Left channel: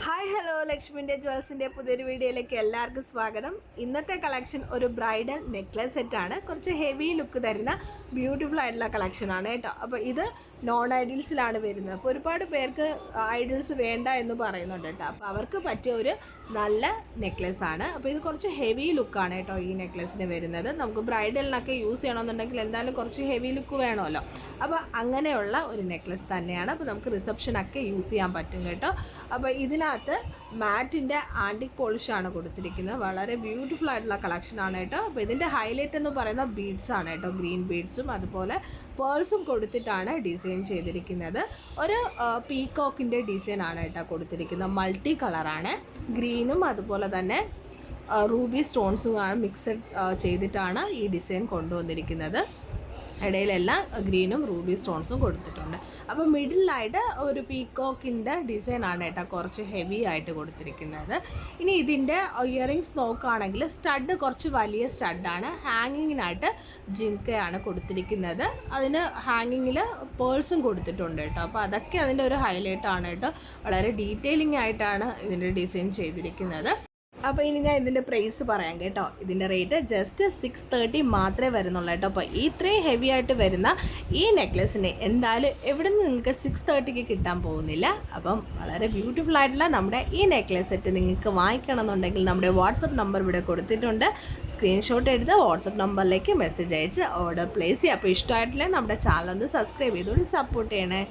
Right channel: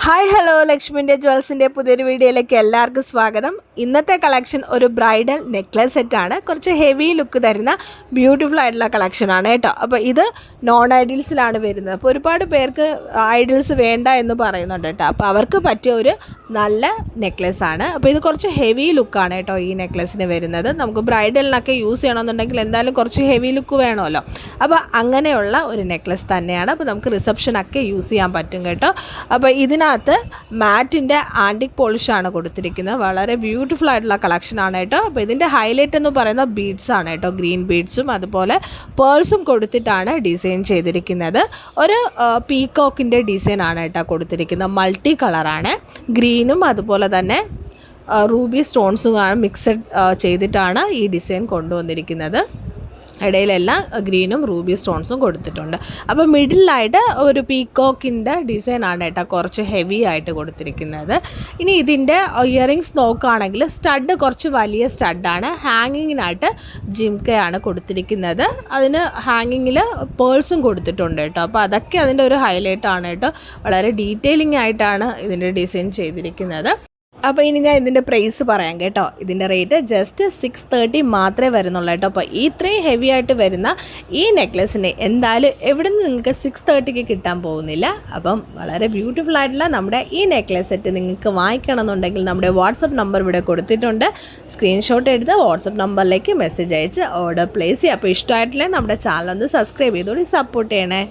Hi hello ലക്ഷ്മിൻ്റെ ജ്വൽസിൻ്റെ പുതിയൊരു വീഡിയോയിലേക്ക് എല്ലാവർക്കും സ്വാഗതം. ഇന്നത്തെ കളക്ഷൻ ഒരു ബ്രൈഡൽ നെക്ലസ് സെറ്റാണ്. കുറച്ച് ഹെവി ലുക്ക് തരുന്ന ബ്യൂട്ടിഫുൾ ആയിട്ടുള്ള കളക്ഷനാണ് കേട്ടോ. അപ്പോൾ ഇത് നോൺ ഐഡിയൽസിലാണ് വരുന്നത്. അപ്പോൾ ഒരുപാട് പേർക്ക് ഐഡിയൽസ് വേണ്ട എന്ന് പറയുന്നുണ്ട് കേട്ടോ. അപ്പോൾ അവർക്ക് പറ്റിയ ഒരു നല്ല നെക്ലസ് ആണ്. അപ്പോൾ ഇത് കുറച്ച് ഹെവി ലുക്കാണ് കേട്ടോ ഈ നെക്ലസിന് വരുന്നത്. നമുക്ക് ബ്രൈഡലിനൊക്കെ യൂസ് ചെയ്യണമെന്നുണ്ടെങ്കിൽ എന്തായാലും കുറച്ച് ഹെവി ലുക്ക് വേണമല്ലോ. അപ്പോൾ അങ്ങനെയുള്ള ഒരു നെക്ലസ് തന്നെയാണ്. അപ്പോൾ നമുക്ക് റിസപ്ഷനൊക്കെ യൂസ് ചെയ്യാൻ പറ്റും കേട്ടോ. അപ്പോൾ ഇതിനകത്ത് മാറ്റിൻ്റെ ആൻറ്റിക് പോളിഷാണ് കൊടുത്തിരിക്കുന്നത്. വളരെ ബ്യൂട്ടിഫുൾ ആയിട്ടുള്ള കളക്ഷനാണ് കേട്ടോ. അപ്പോൾ ഇതിൻ്റെ ഹൈലൈറ്റ് എന്ന് പറയുന്ന ബീഡ്സ് ആണ് കേട്ടോ. ഗ്രീൻ ബീഡ്സും അതുപോലെ പേൾസും കൊടുത്തിട്ടാണ് ഡിസൈൻ ചെയ്തിരിക്കുന്നത്. ഒരു പീകോക്കിൻ്റെ ഡിസൈൻ ആണ് കേട്ടോ കൊടുത്തിരിക്കുന്നത്. മൾട്ടി കളറാണ്. ഗ്രീനും അതുപോലെ തന്നെ റൂബി സ്റ്റോൺസും മിക്സഡ് ചെയ്തിട്ടാണ് ഈ ഡിസൈൻ കൊണ്ടുവന്നിരിക്കുന്നത്. ഇടയിലെല്ലാം ഗ്രീനും റൂബി സ്റ്റോൺസും കൊടുത്തിട്ടുണ്ട്. അപ്പോൾ മിഡിലായിട്ട് ഒരു പീകോക്കിൻ്റെ ഡിസൈനാണ് കേട്ടോ കുറച്ച് ഹെവി ആയിട്ട് കൊടുത്തിരിക്കുന്നത്. ഇനി ഇതിൻ്റെ ഇയറിങ്സ് നോക്കുകയാണെങ്കിൽ സ്റ്റഡ് കുറച്ച് വലിയ സ്റ്റഡാണ്. ഹാങ്ങിങ്ങിനായിട്ട് ജിംക്കയാണ് കൊടുത്തിരിക്കുന്നത്. അതിന് ഹാങ്ങിങ്ങിൽ പേൾസും കൊടുത്തിട്ടുണ്ട് കേട്ടോ. അപ്പോൾ അതൊക്കെ അതിൻ്റെ ഒരു ഹൈലൈറ്റാണ് കേട്ടോ. വളരെ ഡീറ്റെയിലിംഗ് ആയിട്ടാണ് ഇതിൻ്റെ ഡിസൈൻ ചെയ്തിരിക്കുന്നത്. അപ്പോൾ ഇനി ഞാൻ ഇതിൻ്റെ പ്രൈസ് പറയാം കേട്ടോ. ഇതിൻ്റെ റേറ്റ് ജസ്റ്റ് 630 മാത്രമേ വരുന്നുള്ളൂ കേട്ടോ. അപ്പോൾ ഇത്രയും ഹെവി ആയിട്ട് വരുന്ന ഈ നെക്ലസിന് എന്തായാലും എവിടെ നിന്ന് നിങ്ങൾക്ക് 630ക്ക് കിട്ടാൻ പോകുന്നില്ല. അപ്പം വളരെ ബ്യൂട്ടിഫുൾ ആയിട്ടുള്ള നമ്മുടെ ഈ നെക്ലസ് സെറ്റ് നിങ്ങൾക്ക് വാങ്ങിക്കണമെന്നുണ്ടെങ്കിൽ നമ്മുടെ വാട്സപ്പ് നമ്പർ ഇവിടെ കൊടുത്തിട്ടുണ്ട്. സ്ക്രീൻഷോട്ട് എടുത്ത് വാട്സപ്പ് നമ്പറിലേക്ക് മെസ്സേജ് അയച്ച് ഓർഡർ പ്ലേസ് ചെയ്യുക. അപ്പോൾ ഇഷ്ടമായിട്ടില്ലേ നമ്മുടെ ചാനൽ ഒന്ന് സബ്സ്ക്രൈബ് ചെയ്തോടി സപ്പോർട്ട് ചെയ്യണേ.